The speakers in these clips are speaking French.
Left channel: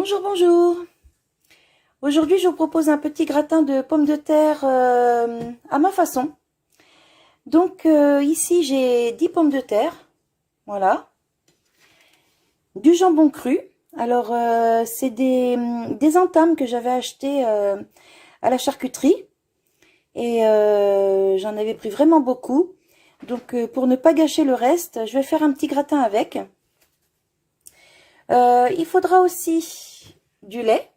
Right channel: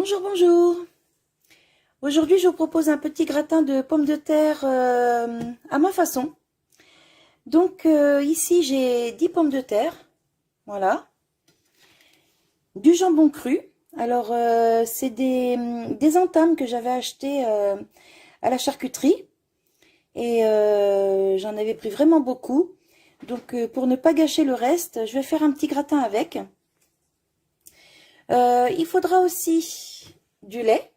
Bonjour, bonjour. Aujourd'hui, je vous propose un petit gratin de pommes de terre à ma façon. Donc ici, j'ai 10 pommes de terre, voilà, du jambon cru. Alors, c'est des entames que j'avais achetées à la charcuterie et j'en avais pris vraiment beaucoup. Donc, pour ne pas gâcher le reste, je vais faire un petit gratin avec. Il faudra aussi du lait.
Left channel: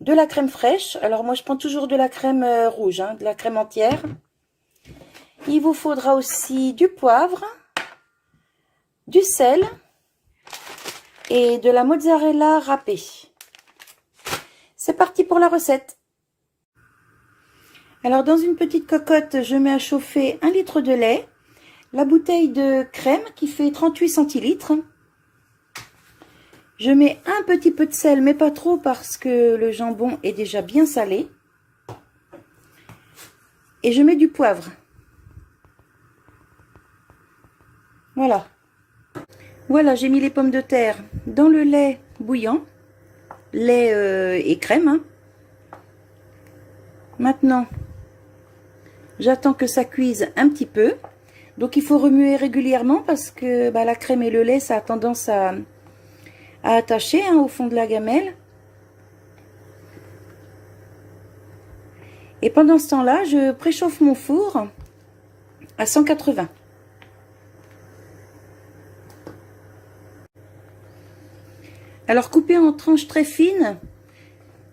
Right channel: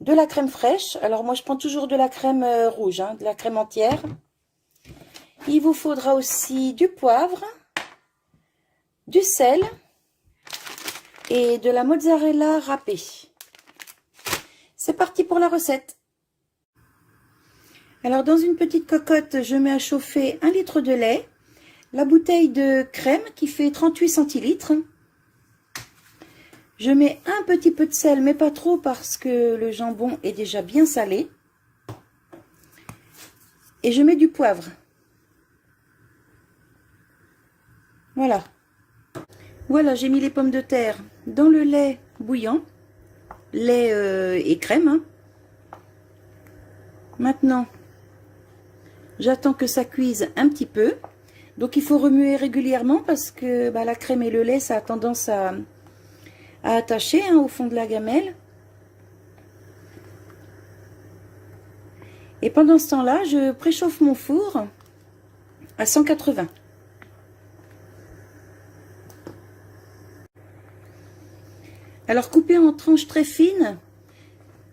De la crème fraîche. Alors moi je prends toujours de la crème rouge, de la crème entière. Il vous faudra aussi du poivre, du sel et de la mozzarella râpée. C'est parti pour la recette. Alors dans une petite cocotte, je mets à chauffer 1 litre de lait, la bouteille de crème qui fait 38 centilitres. Je mets un petit peu de sel, mais pas trop parce que le jambon est déjà bien salé. Et je mets du poivre. Voilà. Voilà, j'ai mis les pommes de terre dans le lait bouillant. Lait et crème. Maintenant, j'attends que ça cuise un petit peu. Donc, il faut remuer régulièrement parce que la crème et le lait, ça a tendance à attacher au fond de la gamelle. Et pendant ce temps-là, je préchauffe mon four à 180. Alors, couper en tranches très fines,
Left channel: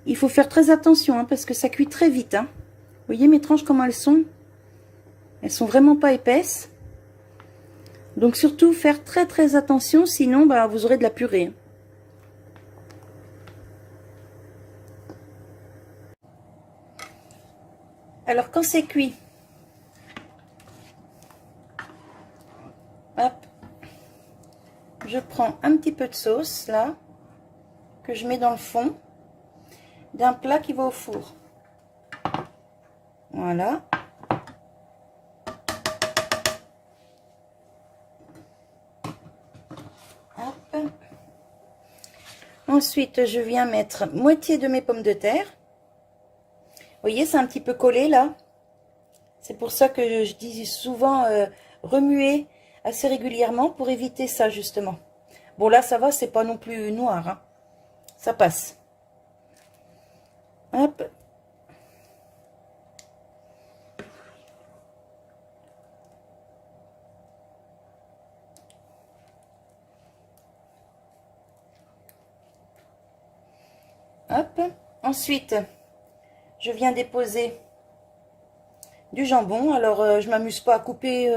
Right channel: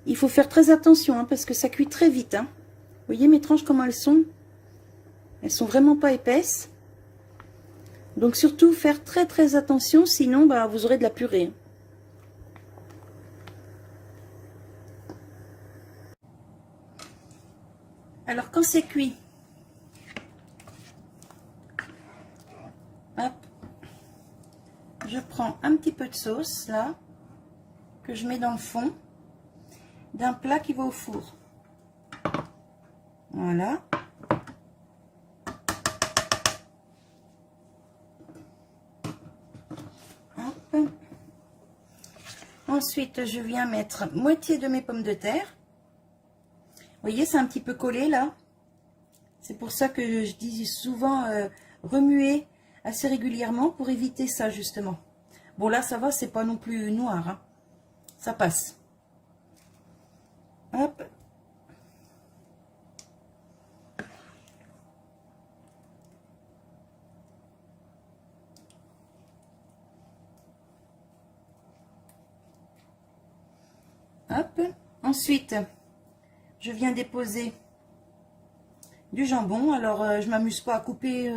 il faut faire très attention parce que ça cuit très vite. Vous voyez mes tranches comment elles sont? Elles sont vraiment pas épaisses. Donc surtout faire très attention, sinon vous aurez de la purée. Alors quand c'est cuit, hop, je prends un petit peu de sauce là, que je mets dans le fond d'un plat qui va au four. Voilà. Hop. Ensuite, je viens mettre moitié de mes pommes de terre. Vous voyez, c'est un petit peu collé là. C'est pour ça que je dis souvent remuer assez régulièrement pour éviter ça justement. Bon là, ça va, c'est pas non plus noir. Ça passe. Hop. Hop. Ensuite, je viens déposer du jambon. Alors, je m'amuse pas à couper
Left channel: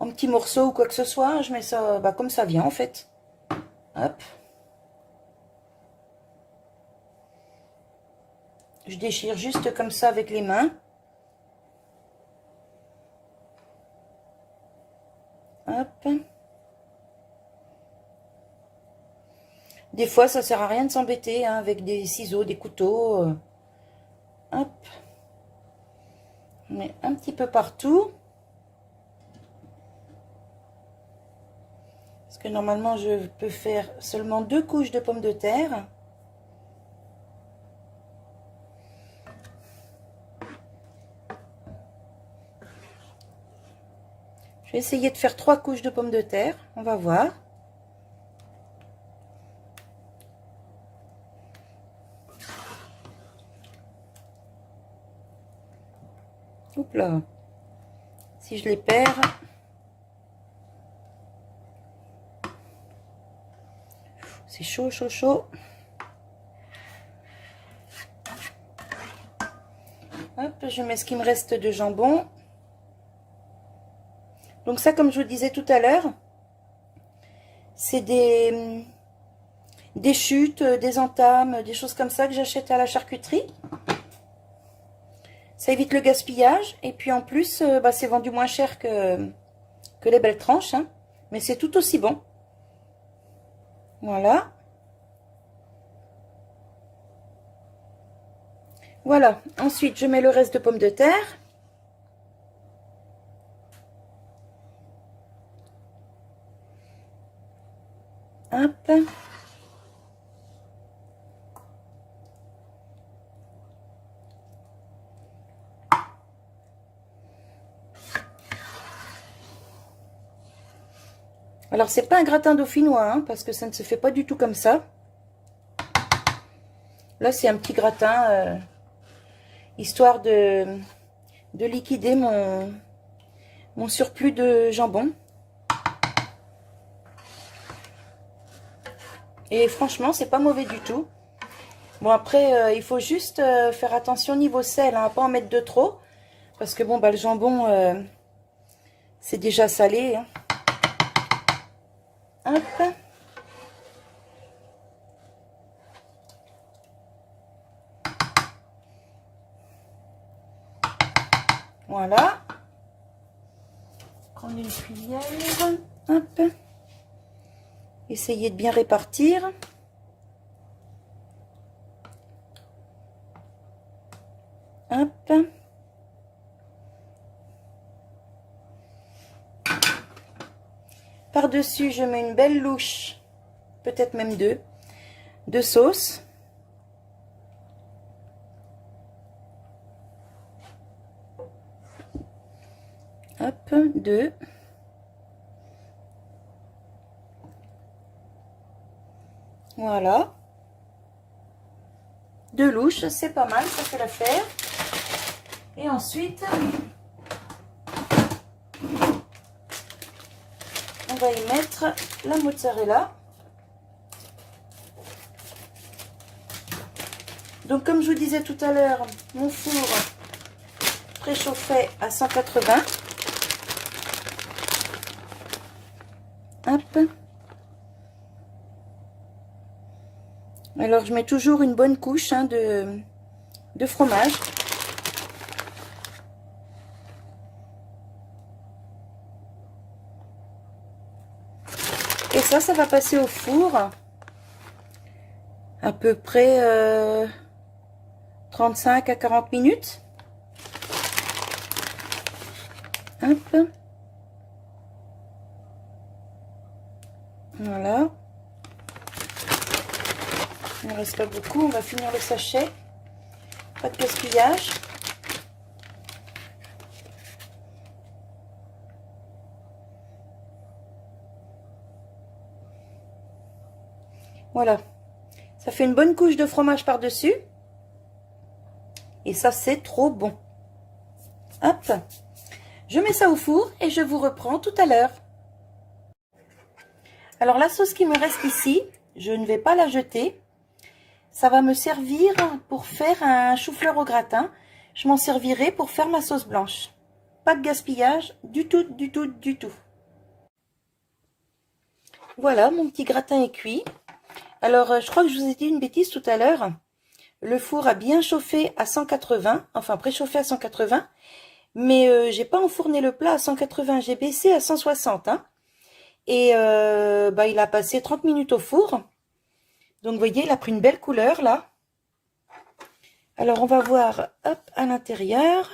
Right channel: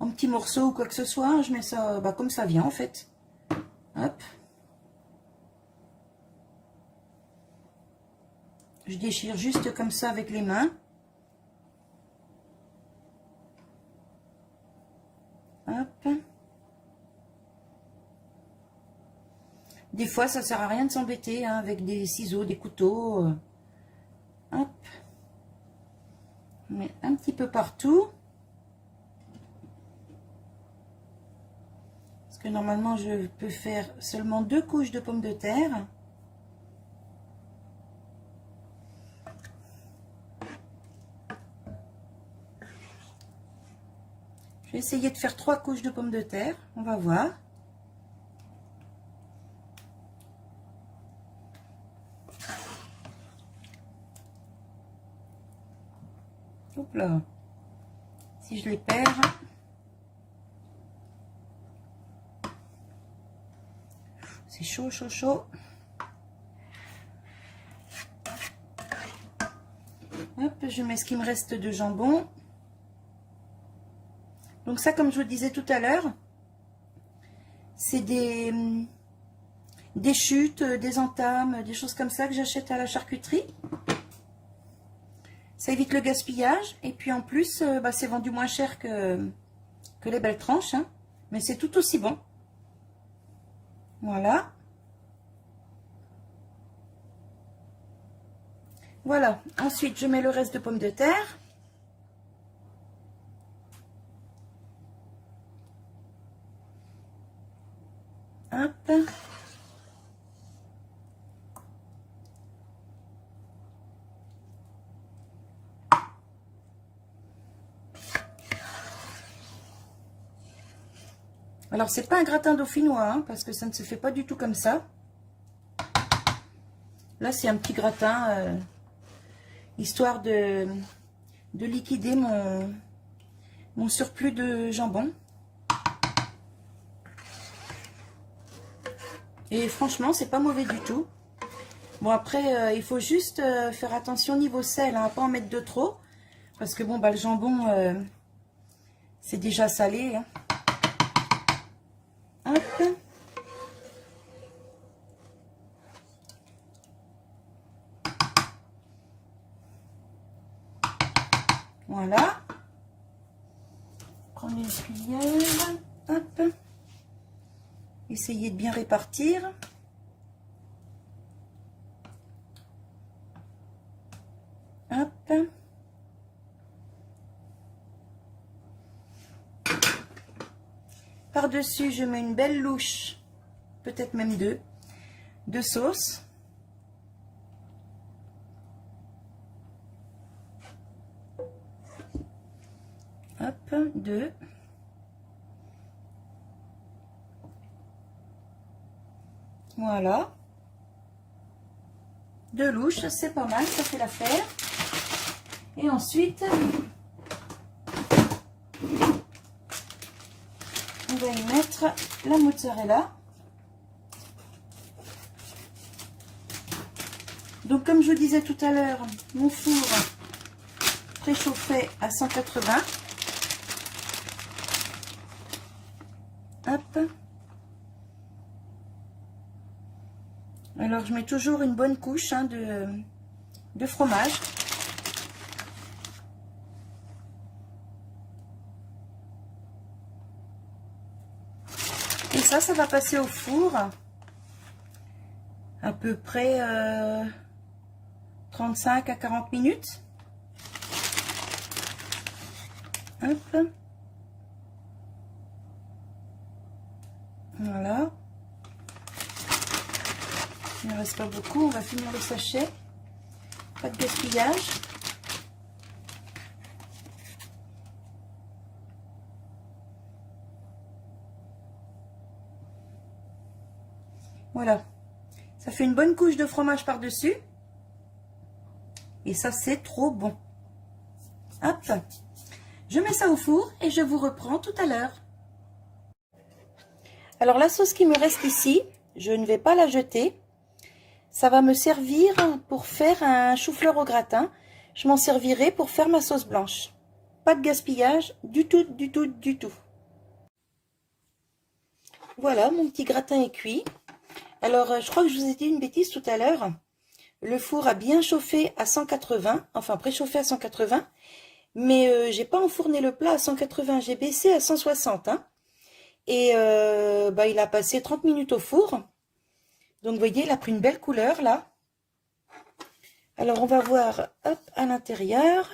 en petits morceaux ou quoi que ce soit. Je mets ça comme ça vient en fait. Hop. Je déchire juste comme ça avec les mains. Hop. Des fois, ça sert à rien de s'embêter avec des ciseaux, des couteaux. Hop. On met un petit peu partout. Parce que normalement, je peux faire seulement 2 couches de pommes de terre. Je vais essayer de faire 3 couches de pommes de terre. On va voir. Hop là. Si je les perds. C'est chaud, chaud, chaud. Hop, je mets ce qui me reste de jambon. Donc ça, comme je vous disais tout à l'heure, c'est des chutes, des entames, des choses comme ça que j'achète à la charcuterie. Ça évite le gaspillage. Et puis en plus, c'est vendu moins cher que les belles tranches. Mais c'est tout aussi bon. Voilà. Voilà. Ensuite, je mets le reste de pommes de terre. Hop. Alors, c'est pas un gratin dauphinois, hein, parce que ça ne se fait pas du tout comme ça. Là, c'est un petit gratin, histoire de liquider mon surplus de jambon. Et franchement, c'est pas mauvais du tout. Bon, après, il faut juste faire attention niveau sel, hein, pas en mettre de trop. Parce que bon, bah, le jambon, c'est déjà salé. Hein. Hop. Voilà. Prendre une cuillère. Hop. Essayez de bien répartir. Hop. Par-dessus, je mets une belle louche, peut-être même deux, de sauce. Hop, deux. Voilà. Deux louches, c'est pas mal, ça fait l'affaire. Et ensuite, on va y mettre la mozzarella. Donc, comme je vous disais tout à l'heure, mon four préchauffé à 180. Hop. Alors, je mets toujours une bonne couche hein, de fromage. Et ça va passer au four à peu près 35 à 40 minutes. Hop. Voilà. Il ne reste pas beaucoup. On va finir le sachet. Pas de gaspillage. Voilà. Ça fait une bonne couche de fromage par-dessus. Et ça, c'est trop bon. Hop. Je mets ça au four et je vous reprends tout à l'heure. Alors, la sauce qui me reste ici, je ne vais pas la jeter. Ça va me servir pour faire un chou-fleur au gratin. Je m'en servirai pour faire ma sauce blanche. Pas de gaspillage, du tout, du tout, du tout. Voilà, mon petit gratin est cuit. Alors, je crois que je vous ai dit une bêtise tout à l'heure. Le four a bien chauffé à 180, enfin préchauffé à 180. Mais j'ai pas enfourné le plat à 180, j'ai baissé à 160. Hein. Et bah, il a passé 30 minutes au four. Donc, vous voyez, il a pris une belle couleur, là. Alors, on va voir, hop, à l'intérieur.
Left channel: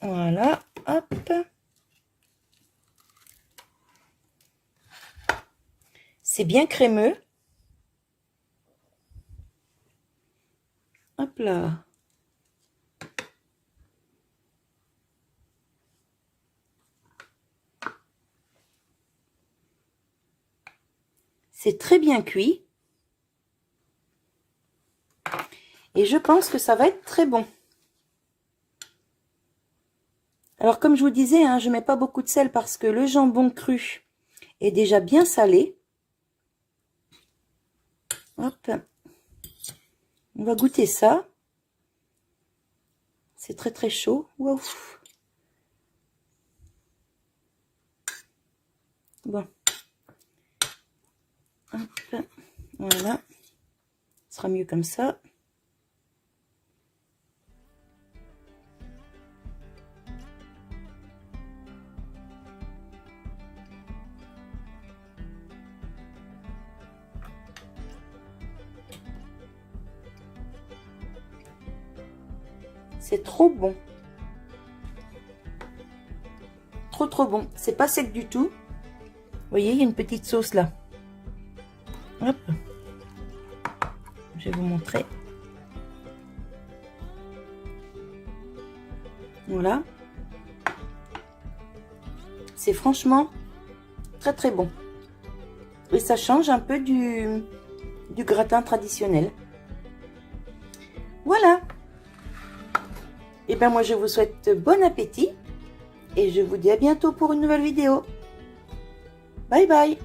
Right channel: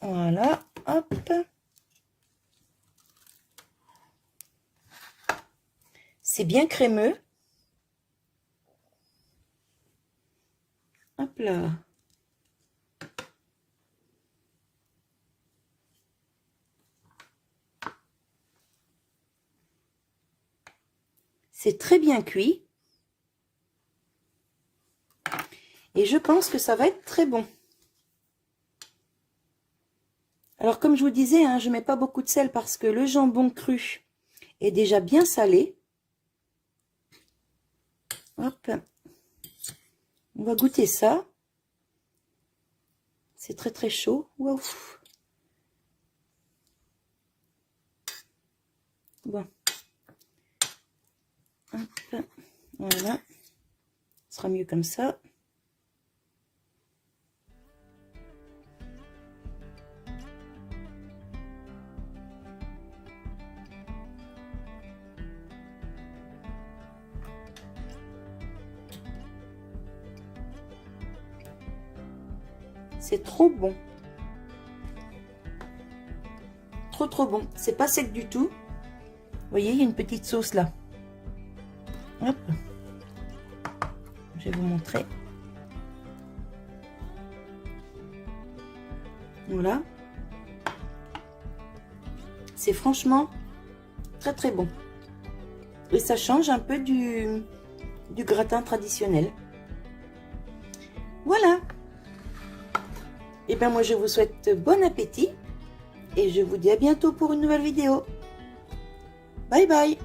Voilà, hop. C'est bien crémeux. Hop là. C'est très bien cuit. Et je pense que ça va être très bon. Alors, comme je vous disais, hein, je ne mets pas beaucoup de sel parce que le jambon cru est déjà bien salé. Hop. On va goûter ça. C'est très très chaud. Waouh. Bon. Hop. Voilà. Ce sera mieux comme ça. C'est trop bon. Trop trop bon. C'est pas sec du tout. Vous voyez, il y a une petite sauce là. Hop. Je vais vous montrer. Voilà. C'est franchement très très bon. Et ça change un peu du gratin traditionnel. Voilà. Et bien moi je vous souhaite bon appétit. Et je vous dis à bientôt pour une nouvelle vidéo. Bye bye.